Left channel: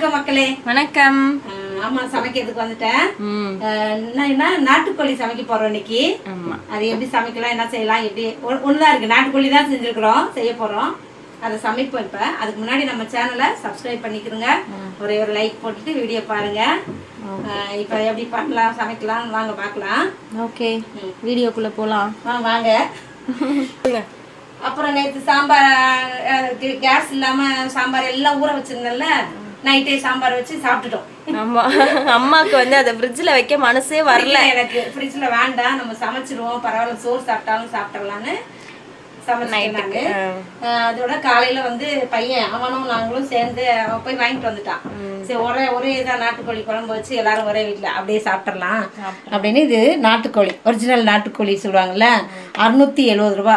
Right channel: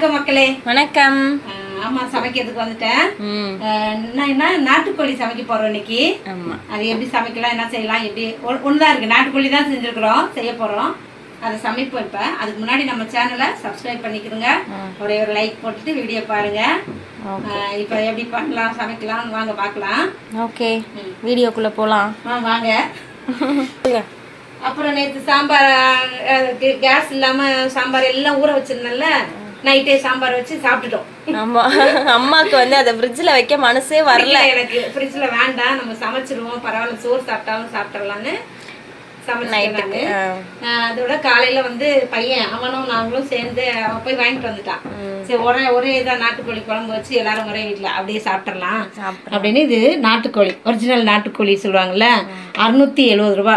வணக்கம் மக்களே. வணக்கம். ஆமா சமைக்கிறதுக்கு வந்துட்டேன். நான் என்ன நாட்டுக்கோழி சமைக்க போறோம் இன்னைக்கு. அது எப்படி சமைக்கலாம் என்ன செய்யலாம் எப்படி ஒண்ணுதான் இருக்கு. நாட்டுக்கோழி தான் செஞ்சிருக்கிறோம் செய்ய போறோம். அதை சமைப்போம் இப்ப. அதுக்கு முன்னாடி நம்ம சேனலை சப்ஸ்கிரைப் பண்ணிக்கிறோங்க ஒரே ஒரு லைக் போட்டுட்டு வீடியோ பாருங்க. இப்ப எப்படி பண்ணலாம் சமைக்கலாம் வாங்க பார்க்கலாம். ஓகே. வீடியோக்குள்ள போலாம். வாங்க வாங்க. அப்புறம் நேற்று சாம்பார் கேஸ் இல்லாம சாம்பார் எல்லாம் ஊற வச்சிருந்தேன்ல. நைட்டே சாம்பார் வச்சு சாப்பிட்டுட்டோம். ஆமா. அம்மாக்கு வந்து அதை ஃப்ரிட்ஜில் வைக்க மனசே வரல. எனக்கு ஃப்ரிட்ஜில் வேண்டாம். நம்ம சமைச்சிருவோம். பரவாயில்ல சோறு சாப்பிட்டாலும் சாப்பிட்றலான்னு சமைச்சிட்டு அதோட காலையில வந்து பையன் அவனும் நாங்களும் சேர்ந்து போய் வாங்கிட்டு வந்துட்டான். சரி ஒரே ஒரே இதாக நாட்டுக்கோழி குழம்பு வச்சு எல்லாரும் ஒரே வீட்டில் அப்படியே சாப்பிட்றலாம் அப்படின்னு இது நாட்டுக்கோழி ஒரிஜினல் நாட்டுக்கோழி சொல்லுவாங்கல்ல அறுநூத்தி எழுபது ரூபா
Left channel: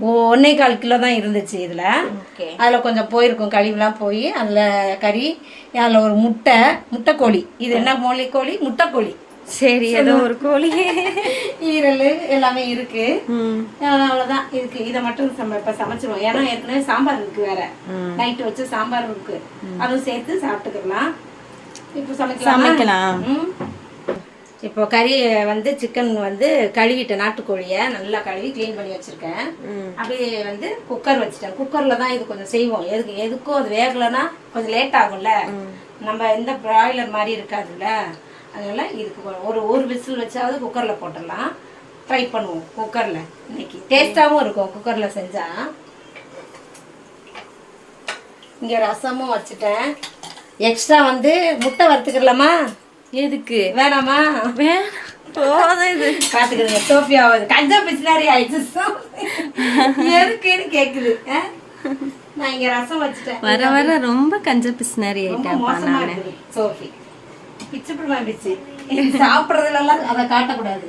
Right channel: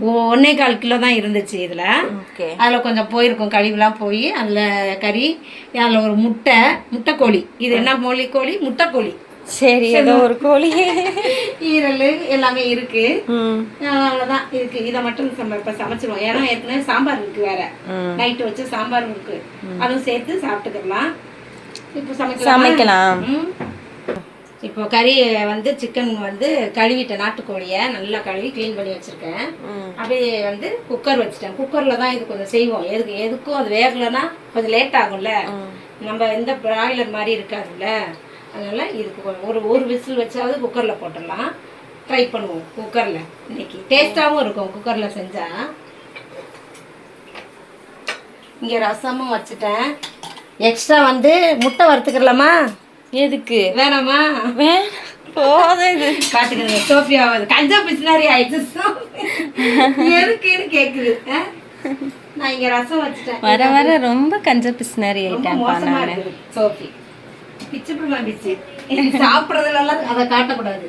ஒ- ஒண்ணே கால் கிலோ தான் இருந்துச்சு இதில். ஓகே. அதில் கொஞ்சம் போயிருக்கும் கழிவுலாம் போய் அதில் கறி அதில் ஒரு முட்டை முட்டைக்கோழி. இது என்ன மொழி கோழி முட்டைக்கோழி. சரி ஏதோ ஒரு கோழி. ஈரல் எல்லாமே இருக்கு. அவ்வளவுதான். இருக்கு இதை மட்டும் நம்ம இப்ப சமைச்சிருவோம். ஏன்னா ஏற்கனவே சாம்பார் இருக்கு வேற. நைட்டு வச்சு சாம்பார் இருக்கு. அதுவும் சேர்த்து சாப்பிட்டுக்கலாம். இப்போ சமைக்கலாம். சமைக்கலாம். இப்போ கறி வந்து சிக்கன் வந்து கழுவிட்டேன் நாட்டுக்கோழியை நல்லா கழுவி க்ளீன் பண்ணி வச்சிருக்கேன். அப்படியே வந்து குக்கர் வச்சுட்டேன். குக்கர்ல தான் இது கொஞ்சம் செய்வோம். எதுக்கு எதுக்கும் அது வேகலைன்னா கொஞ்சம் லேட் ஆகும்ல. நம்ம எந்த பிராய்லர் மாதிரி இருக்காதுல்ல. அதனால இதுக்கு ஒரு ஒரு விசில் வச்சாவது குக்கர்ல போட்டுடலாம். ட்ரை பண்ணுவோம் குக்கர்ல இன்னைக்கு டேஸ்டாகவும் இருக்கும் குக்கர்ல செஞ்சா. இங்க ரசமும் வச்சுட்டேன். எக்ஸ்ட்ரா வந்து முட்டை வறுத்துக்கலாமா எதுக்கு? வேணாமா? வே போதும் இது. பாத்துக்கிறீங்க சோஃபியா கஞ்சா பிசினாரி ஆயிடுச்சு எதுக்குன்னு கேக்குது ஆ? நான் இங்க ரசம் வச்சுட்டேன். வர வர ரொம்ப கஞ்ச பிசினாரி ஆயிட்டேன்ப்பா மோசமா நான். சோஃபி பிச்சு பிடிமா பிச்சு. சாப்பிட்றதுலாம் அதை காட்டக்கூடாது.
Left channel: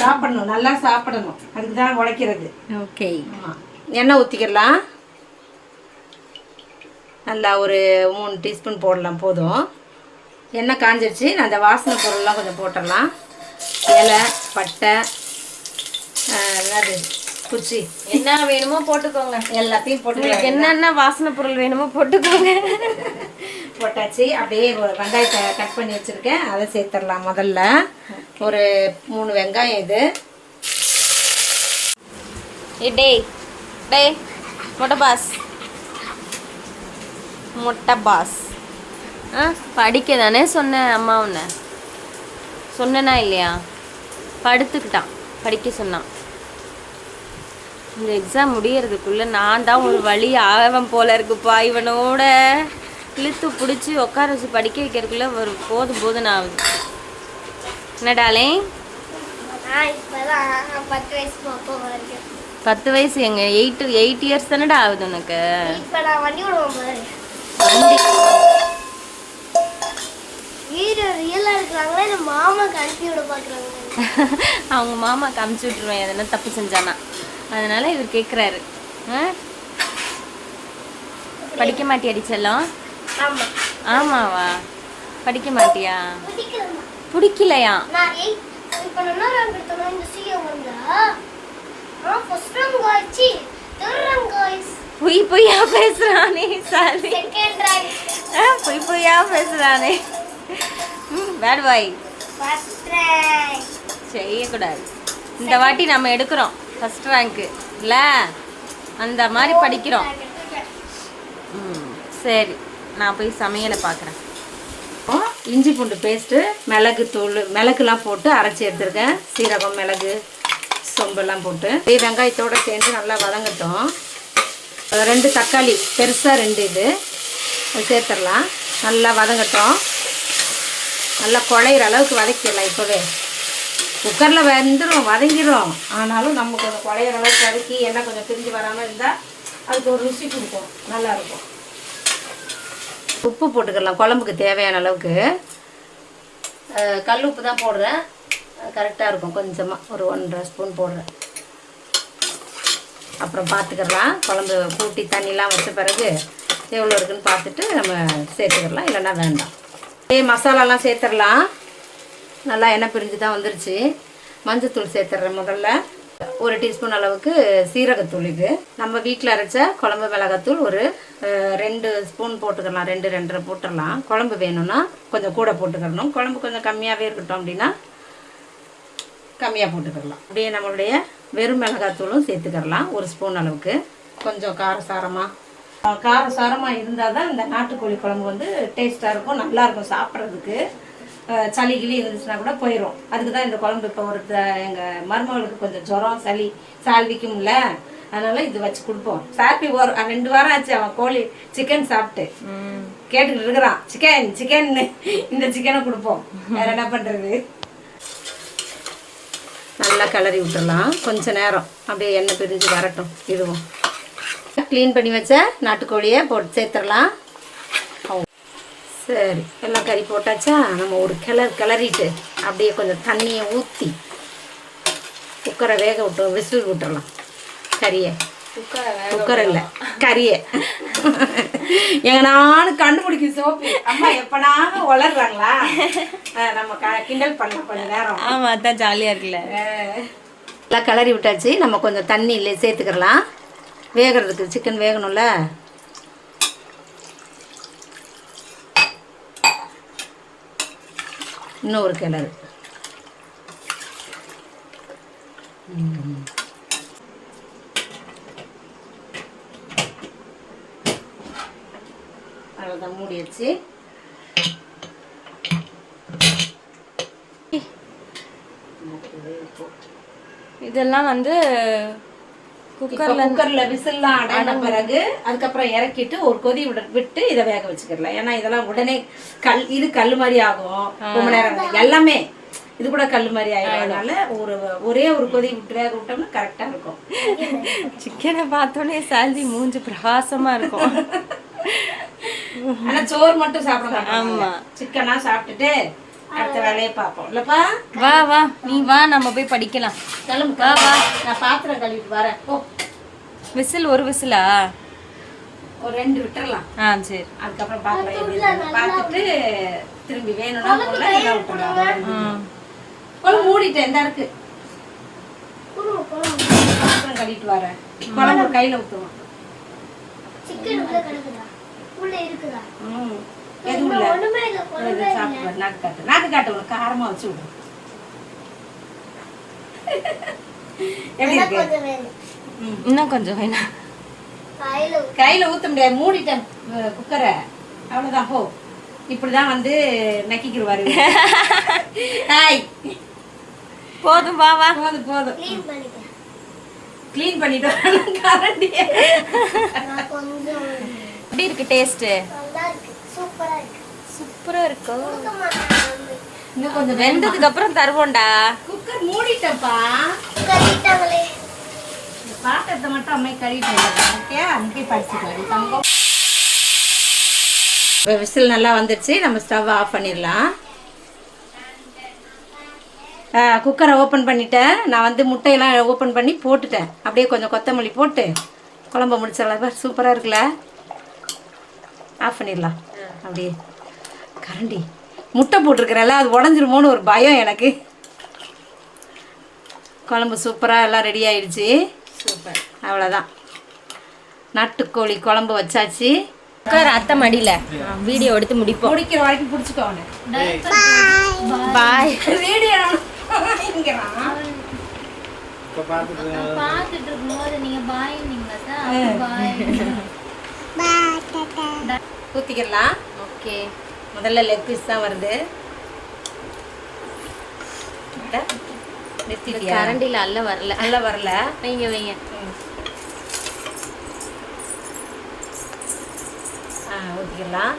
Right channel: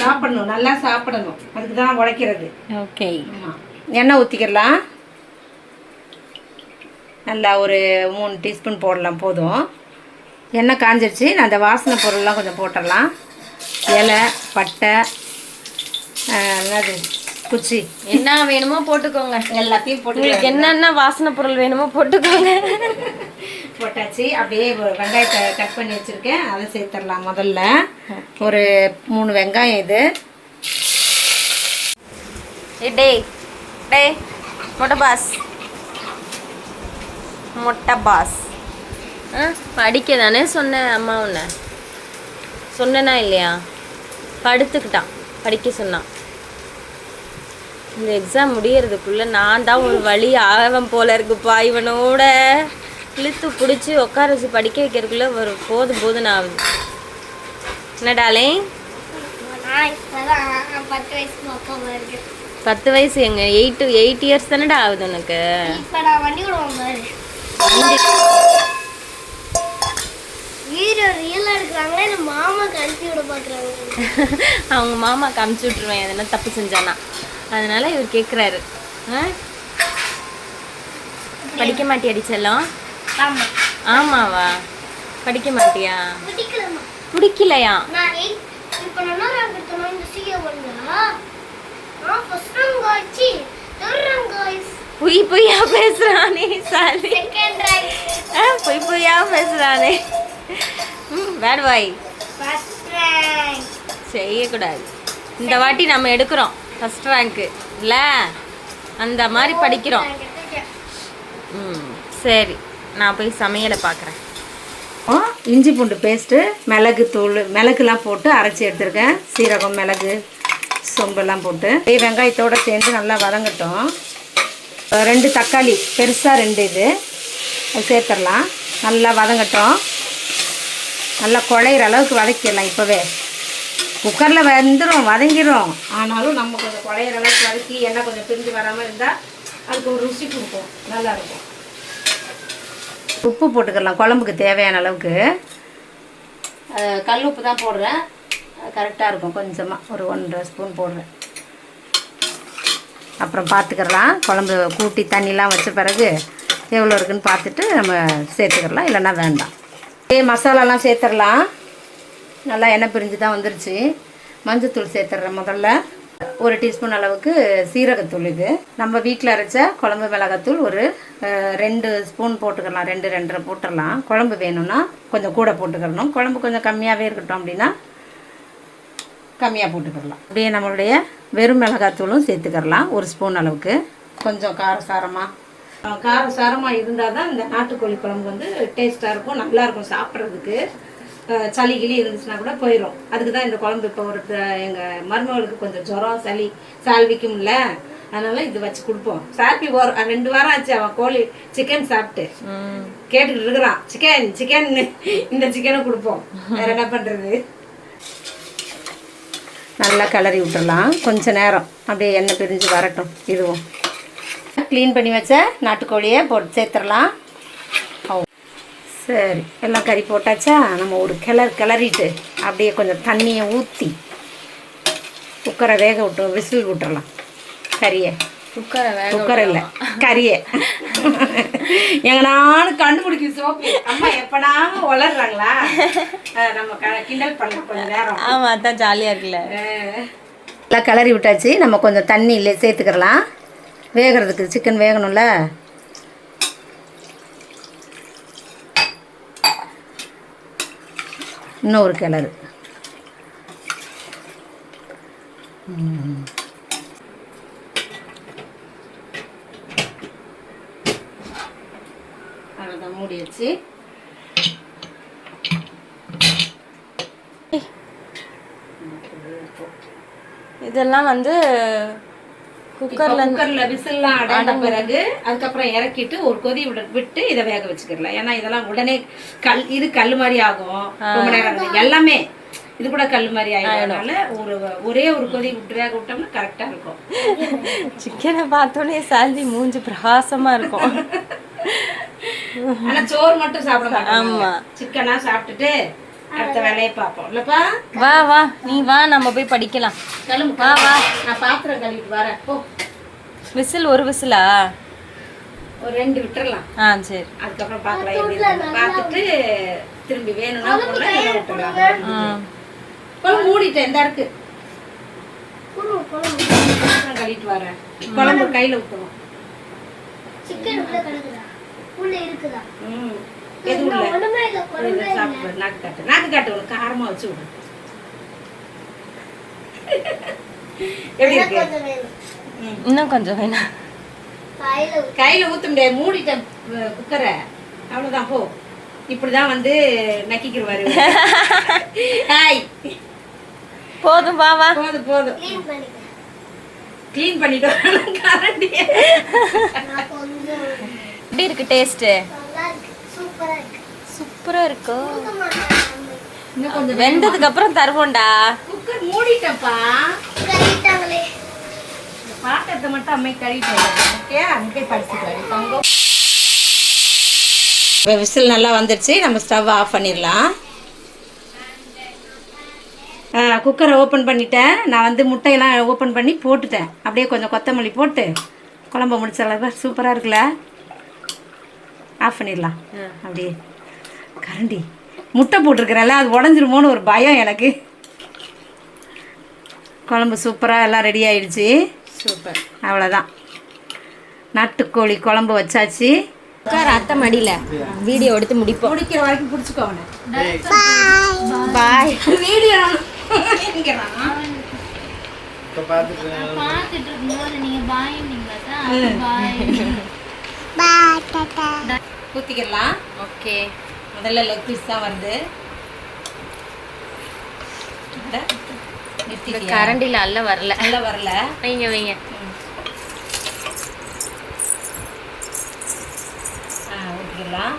சாப்பிடணும் நல்லா சாப்பிடணும். அதுக்கு தான் உழைக்கிறது ஓகே. எண்ணெய் ஊற்றிக்கிடலாம் நல்லா ஒரு மூணு டீஸ்பூன் போடலாம் போதும். எண்ணெய் காஞ்சிருச்சு. நான் அந்த வாசனை பொருள்லாம் கொஞ்சம் போட்டுடலாம். இலை பட்டை என்னது? குச்சி. என்ன வேணுமோ போட்டுக்கோங்க. எல்லாத்தையும் போட்டு என்னென்ன வாசனை பொருள் வேணுமோ போட்டுக்கோங்க. போட்டாச்சு. அப்படியே வெங்காயத்தை கட் பண்ணி வச்சுருக்கேன். அதை சேர்த்துடலாம் முதல்ல. ஒரு மூணு வெங்காயம் இது. ஏ டேய் டேய் மொட்டை பாஸ். மொட்டை பாஸ். ஆ படிக்க தானே சொன்னேன் அம்மா உன்னை. சொன்னேனா இல்லையா? படுத்துக்கிட்டான். படிக்க சொன்னான். இந்த எக்ஸாம் முடியறதுக்குள்ள நான் தான் ஒரு வழி ஆவன் போல இருக்குப்பா இவனோட. இழுத்து பிடிச்சி உட்கார வச்சு படிக்க வைக்கிறதுக்குள்ள ஒரு போதும் போதும் ஆகுது. என்னடாலே பத்து வயசு எங்க? எயிட் எயிட் இயர்ஸ் தானடா ஆகுது உனக்கு? வண்டி விடுவோம் பாரு வண்டி ஹீரோ ரியலா இருக்கிறாங்களே இந்த மாமாக்கு அனுப்பி விட பாக்குறாங்க அவங்க மாமாக்கு அமுச்சு விட்ருவேன் எதனா தப்பு செஞ்சானா? அதனால இவர் கேட்குறாரு படிக்க மாட்டியாடி செல்லம்? ஆமா. ஆமாவா? படிக்க மாட்டியா? பிடிக்கலையா? பொய் பொய்யா பேசுறானே சாலி. பொய் பொய்யா பேசுறானே. பேட் பாய் ஃபர்ஸ்ட் ரேங்க் செய்யக்கூடாது. இந்த வாட்டி நம்ம எடுக்கிறோம். ஃபர்ஸ்ட் ரேங்க்கு இல்லை? அந்த மாதிரி படிக்கிறோம். ம் சரி. நான் போய் சமையலை பார்க்குறேன். இஞ்சி பூண்டு பேஸ்ட்டு மிளகு தூள் மிளகுலாம் போட்டு அரைச்சி எடுத்திருக்கேன். சீரகம் மிளகு சொம்பெல்லாம் போட்டு. வெங்காயத்தோடு சேர்ந்து நல்லா வதங்கட்டும். ரெண்டு தக்காளி பெருசாக ரெண்டு இது. அது சேர்த்துடலாம். நல்லா வதங்கட்டும். நல்லா குழையிற அளவுக்கு வதக்கிடலாம் இப்போவே. குக்கரில் வெந்துடும் வதங்கிடும் ஆனாலும் நம்ம கொஞ்சம் குழையிற அளவுக்கு வதக்கி எண்ணெய் கொஞ்சம் பிரிஞ்சு வராமல் இருந்தால் அதுக்கு ஒரு ருசி கொடுக்கும் நல்லாயிருக்கும். உப்பு போட்டுக்கலாம் குழம்புக்கு தேவையான அளவுக்கு. கல் உப்பு தான் போடுறேன். கரெக்டாக இருக்கும். கொஞ்சமாக ஒரு ஒன்றரை ஸ்பூன் போடுறேன். அப்புறம் பார்த்துக்கலாம். குழம்பு கூட்டி தண்ணிலாம் வச்ச பிறகு எவ்வளோ இருக்குன்னு பார்த்துட்டு நம்ம சேர்த்துக்கலாம். இல்லைன்னா வேண்டாம். மசாலாலாம் சேர்த்துடலாம் நல்லா எண்ணெய் பிரிஞ்சு தான் வந்துருச்சு. மஞ்சத்தூள் சேர்த்துட்றேன் முதல்ல. ஒரு டீஸ்பூன் அளவுக்கு சீரகத்தூள் இது. நம்ம வீட்டில் அரைச்ச குழம்பு மிளகாத்தூள் ஒரு ரெண்டு ஸ்பூன் போட்டுக்கலாம். ரெண்டு ரெண்டரை போட்டுடலாம். குழம்பு வேணும்னா கொஞ்சம் கூட போட்டுக்கிறணும் குழம்பு கொஞ்சம் கம்மியாகவே இருக்கட்டும் அப்படின்னா கம்மியாக போட்டுக்கிடலாம் அப்படியே நம்மளுடைய வெறும் மிளகாத்தூளும் சேர்த்துக்கிடலாம் ஒரு ஸ்பூன் அளவுக்கு. கொஞ்சம் காரசாரமாக காரசாரமாக இருந்தால் தான் இந்த நாட்டுக்கோழி குழம்பு வந்து டேஸ்ட்டாக இருக்கும் நல்லா இருக்கும் சாப்பிட்றதுக்கு. சளி கிளி இருந்துச்சுன்னா கூட போயிடும் அதுக்கு தான் இந்த குழம்பு இப்போ ஒரு எங்கள் மருமகளுக்கு கொஞ்சம் ஜுரம் சளி சால்விக்கும்ல. அதனால இது வச்சு கொடுப்போம். சாப்பி ஒரு ரெண்டு வாரம் ஆச்சு அவன் கோழி சிக்கன் சாப்பிட்டு. கேட்டுக்கிட்டு இருக்கிறான். சிக்கன் சிக்கன் இந்த சிக்கனை கொடுப்போம். வேற என்ன பண்ணுறது நல்லா கிளறி விட்டுறலாம். கொஞ்ச நேரம். அப்படியே எண்ணெய் பிரிஞ்சு வரட்டும். இதுவும். க்ளீன் பண்ணி வச்ச நாட்டுக்கோழியை போட்டு சேர்த்துடலாம் சரி. எல்லாம் கறி போட்டாச்சா? நம்ம ஒரு கிளறு கிளறிட்டு அப்படியே கொஞ்சம் தண்ணியை ஊற்றி குக்கரை வேக விட்டு விசில் விட்டுறலாம். கறியை. குக்கரை குக்கர் இல்லை கறியை. எங்க நானும் கண்டுபிடிக்க சோப்பு. அம்மா எப்பனாங்க வளர்றாங்களா நம்ம கிண்டல் பண்ணலாம் கொஞ்ச நேரம். ஆமா அதான் ஜாலியா இருக்குல்ல. எல்லாம் கிளறி விட்டாச்சு. நம்ம கொஞ்சம் தண்ணி இல்லை சேர்த்துக்கிறலாம். வேகிறதுக்கு சிக்கன் வேகணும்ல? இன்னும் ஒரு கிளறு. ம். அவ்வளோதான் மூடி வச்சு இதெல்லாம் வந்து குக்கர்ல குக்கர்ல விசில்லாம் அடங்கின பிறகு அதுக்கப்புறம் இறக்கிட்டு ஒரு கொதி விட விட்டு இதை வேக வச்சுக்கிடலாம் ஏன்னா இதெல்லாம் உடனே கல் இது கல் மாதிரி ஆகும். ரொம்ப நேரம். எல்லாமே இது கூட கல் மாதிரி ஆயிடும். அதனால ஒரு ஒரே ஒரு கொதி விட்டு வேக விட்டோம்னா கரெக்டா இருக்கும். சிக்கனை பார்த்தோன்னே சால்வி மூஞ்சி பிரகாசமா இருக்கும். ஆனா சோறு மட்டும் சாப்பிட ஆமா. சிக்கனா சாப்பிட்டுட்டு அடுத்த வேலையை பார்ப்போம். இல்லப்பா? வா வா. நீ வா நம்ம போய் படிக்கலாம். கிளம்பு வா வா. நான் பாத்திரம் கழுவிட்டு வரேன். போ. விசில் ஒரு விசிலா? ஒரு ரெண்டு விட்டுறலாம். ஆ சரி. அதுக்கப்புறம் பார்க்கலாம் எப்படி இருக்குன்னு பார்த்துட்டு திரும்பி வேணும்னா போடலாம் இல்லை குழம்பு மூடிட்டேன் இந்த இருக்கு. பாத்திரம் கழுவிட்டு வரேன். குழம்பு கையில ஊற்றுவோம் சிக்கன் உள்ள கிடக்குதா? உள்ள இருக்குதா? ம். எதுவும் இல்லை. நாக்கு காட்டு. நாக்கு காட்டு உனக்கு காரமா வச்சு விடு. எப்படி இருக்கு? இன்னும் கொஞ்சம் வேணாம். கையில ஊத்த. முடியாது. மூடிட்டேன் அஹ், குக்கரை. அவ்வளவுதான் போ. இப்படிதான் வந்து நக்கிக்கிடுவாரு ஹாய். போதும் வா வா. போதும் போதும். க்ளீன் பண்ணிட்டு கொஞ்சம் எப்படி இருக்கு டேஸ்ட்டு நல்லா இருக்கு சூப்பரா இருக்கு சூப்பரா இருக்கோ. கொடுக்க மாட்டேன் இன்னும் கொஞ்சம் வெந்ததுக்கு அப்புறம் தருவோம்டா. குக்கர் இந்த பாத்திரத்தை மட்டும் அம்மை கழுவிட்டு வந்துடுறேன் ஓகே? அங்கே படிச்சுட்டு தங்கம். இப்போ விசில் நல்லா வந்துடுச்சு. நம்ம ஸ்டவ் ஆஃப் பண்ணிடலாம். குக்கரை ஓப்பன் பண்ணிட்டேன். நான் வந்து முட்டையெல்லாம் ஓப்பன் பண்ணி போட்டுட்டேன். அப்படியே கொஞ்சம் கொத்தமல்லி போட்டு குழம்ப முடிச்சிடலாம் சூப்பராக இருக்குல்ல? ஆஃப் பண்ணிடலாம். அப்படியே. கரண்டி. முட்டை போட்டிருக்கிறேன்ல அது உடஞ்சிருமோன்னு ஒரு பயம் எனக்கு. குழம்பு சூப்பராக எல்லாம் ரெடி ஆயிடுச்சு. சூப்பர். அவ்வளோதான் நாட்டுக்கோழி குழம்பு வச்சாச்சு. அத்தை மடியில. வீடியோ எடுத்து முடிப்போம். முடிக்கிற வரைக்கும் பிடிச்சிக்கோ அவனை. பாய் வீடியோ பார்த்துட்டு இருக்கும்போது நீங்க பாய் பாய் ஊற்றிக்கலாம் ஓகே முதல்ல லெக் பீஸ் தான் வருது? கரண்டில அல்ல வரல. நல்லா வரல. வைங்க வைங்க. ஊற்றிக்கலாம்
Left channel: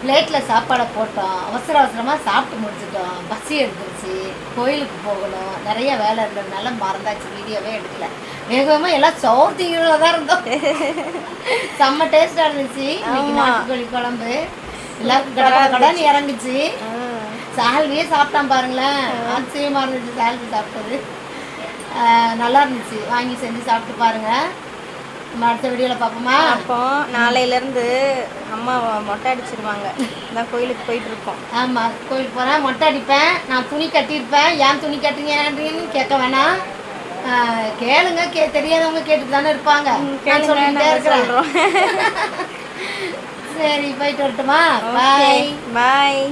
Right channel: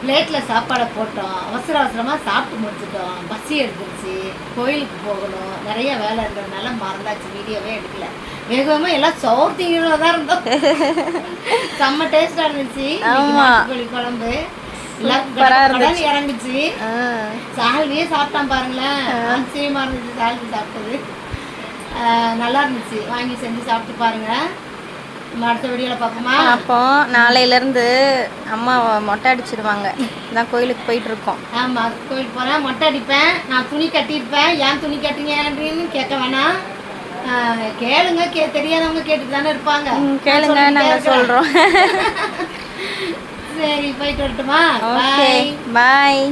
பிளேட்டில் சாப்பாடை போட்டோம். அவசர அவசரமாக சாப்பிட்டு முடிச்சிட்டோம். பஸ்ஸு எடுத்துருச்சு. கோயிலுக்கு போகணும். நிறைய வேலை இருந்ததுனால மறந்தாச்சு. வீடியோவே எடுக்கல. வேக வேகமாக எல்லாம் சோறு தான் இருந்தோம். செம்ம டேஸ்டாக இருந்துச்சு. நாட்டுக்கோழி குழம்பு. எல்லாருக்கும் கடை கடன் இறங்குச்சு. சால்வியே சாப்பிட்டான் பாருங்களேன். ஆச்சரியமாக இருந்துச்சு சால்வி சாப்பிட்டது. நல்லா இருந்துச்சு. வாங்கி செஞ்சு சாப்பிட்டு பாருங்க. அடுத்த வீடியோவில் பார்ப்போமா? அப்போ நாளையில இருந்து அம்மா மொட்டை அடிச்சிருவாங்க. தான் கோயிலுக்கு போயிட்டு இருக்கோம் ஆமாம் கோயிலுக்கு போகிறேன் மொட்டை அடிப்பேன். நான் துணி கட்டியிருப்பேன். ஏன் துணி கட்டுறீங்கன்னு கேட்க வேணாம். கேளுங்க கே தெரியாதவங்க கேட்டுட்டு தானே இருப்பாங்க. நான் கேளுங்க நாங்கள். சொல்கிறோம் சரி போயிட்டு வரட்டுமா? பாய் பாய்